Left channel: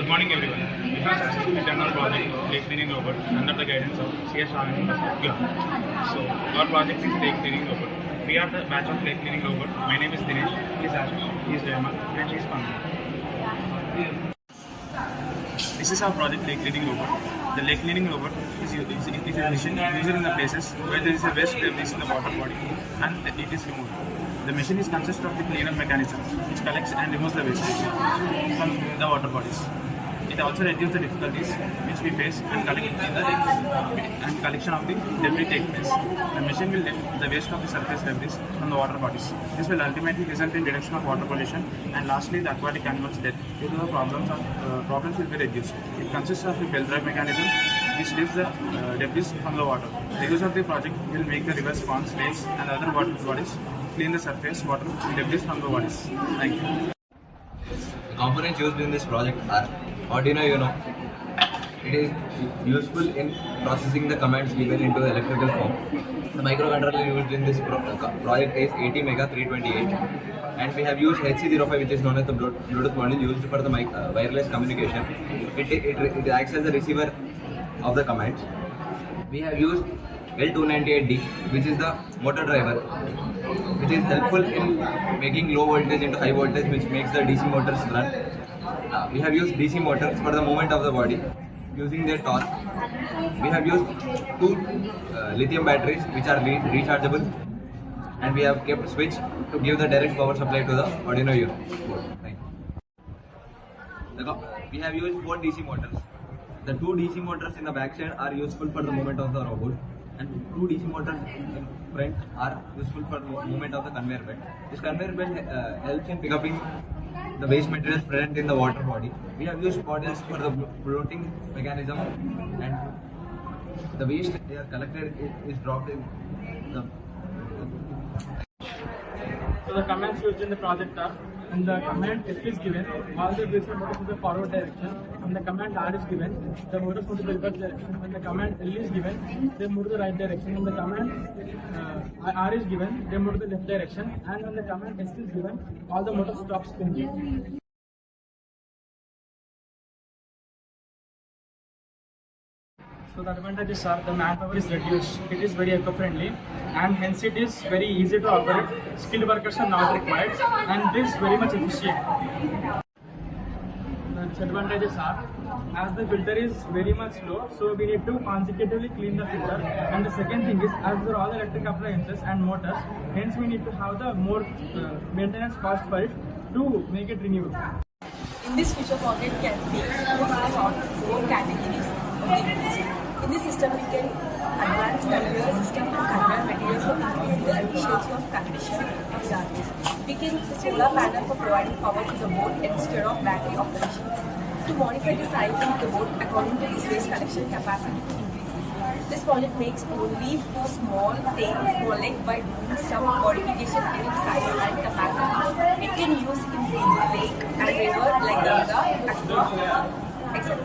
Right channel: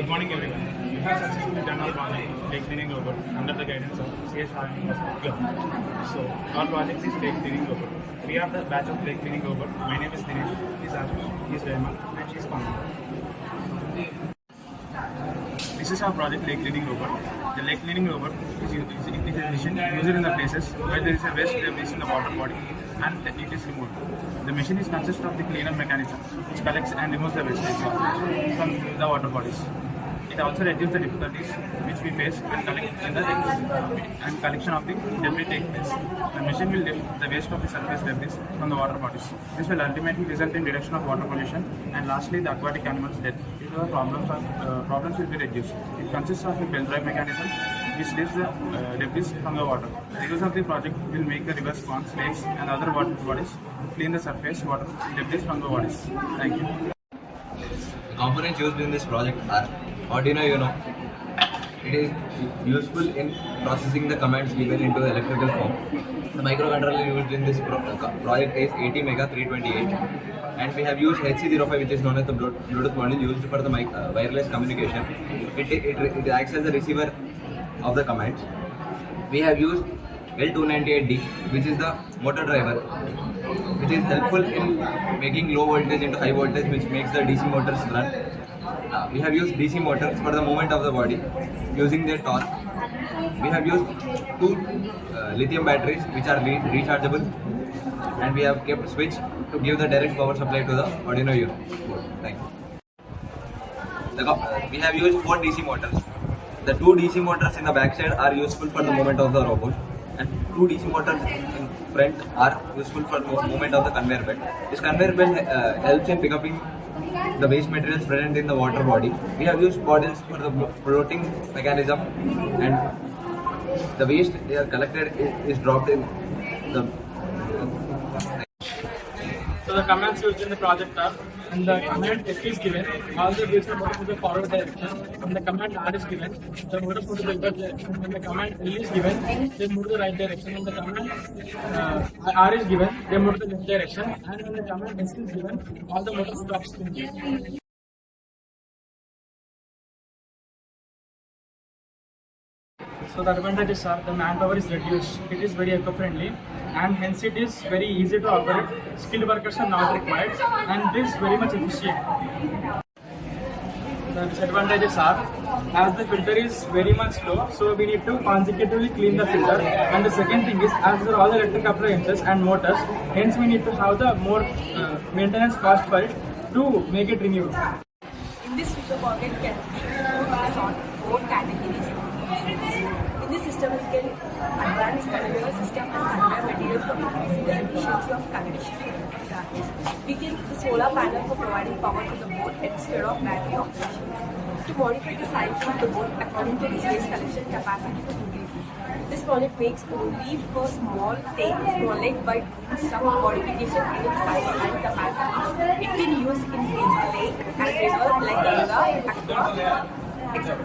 Good morning, everyone. We have successfully done our project lake cleaning robot under the guidance of CS Ryan. So, our project is lake cleaning robot. We are the batch of lake cleaning robot. My name is Dinesh, he is Ashish, he is Rehman, and she is Pamela. This is our project lake cleaning robot. The lake cleaning robot is a machine used in the places where there is a waste debris in the water body and it is removed. The machine is consist of the cleaner mechanism which collects and removes the waste from the water bodies. It also reduces the difficulties which we face and collection of the debris take place. The machine will lift the waste of the surface debris from the water bodies. This will ultimately result in reduction of water pollution and lastly the aquatic animals' death. Due to the problems will be reduced. It consists of a bell drive mechanism which lifts the debris from the water. The use of the project will make the rivers, ponds, lakes and other water bodies clean the surface water debris from the bodies. Thank you. Components used in this project are Arduino Uno. It is useful in processing the commands given into electrical form. The microcontroller used in this project is ATmega328 and we have used HC05 which is known as the Bluetooth module used for the wireless communication. It acts as a receiver of the commands. We have used L298D which is the motor driver which is helpful in making low voltage into high voltage which makes the DC motors run. We have used DC motors for the movement of the body using their torque. We have used two lithium batteries which are rechargeable and we have kept switch to give the direct power supply to the Arduino Uno board. Thank you. We have used 4 DC motors. The 2 DC motors in the back side are useful for the movement of the robot and 2 DC motors in front are useful for movement of the conveyor belt. This conveyor belt helps in picking up the waste materials present in the water body. We have used bottles for the floating mechanism and the waste they are collected is dropped in the. So the commands used in the project are, when the command F is given, all the wheels are moving to the forward direction. When the command R is given, the motors move to the reverse direction. When the command L is given, they move to the right direction. When the command R is given, they move to the left direction. And when the command S is given, all the motors stop spinning. So the advantages are the manpower is reduced, it is very eco-friendly and hence it is very easy to operate. Skilled workers are not required and it is very much efficient. The disadvantages are, as the filter is very much low, so we need to consecutively clean the filter. And the second thing is, as there are all the electric appliances and motors, hence we need to have the more maintenance cost for it to make it renewed. In this future pocket can be sort 4 categories of the units. In this system, we can advance conveyor system and conveyor materials for increasing the efficiency of condition of garbage. We can use the solar panel for providing power to the boat instead of battery operations. To modify the size of the boat according to this waste collection capacity to increase it. This project makes only for small lake by doing some modification in its size and capacity. It can use in lake and river like Ganga, Aqua, etc.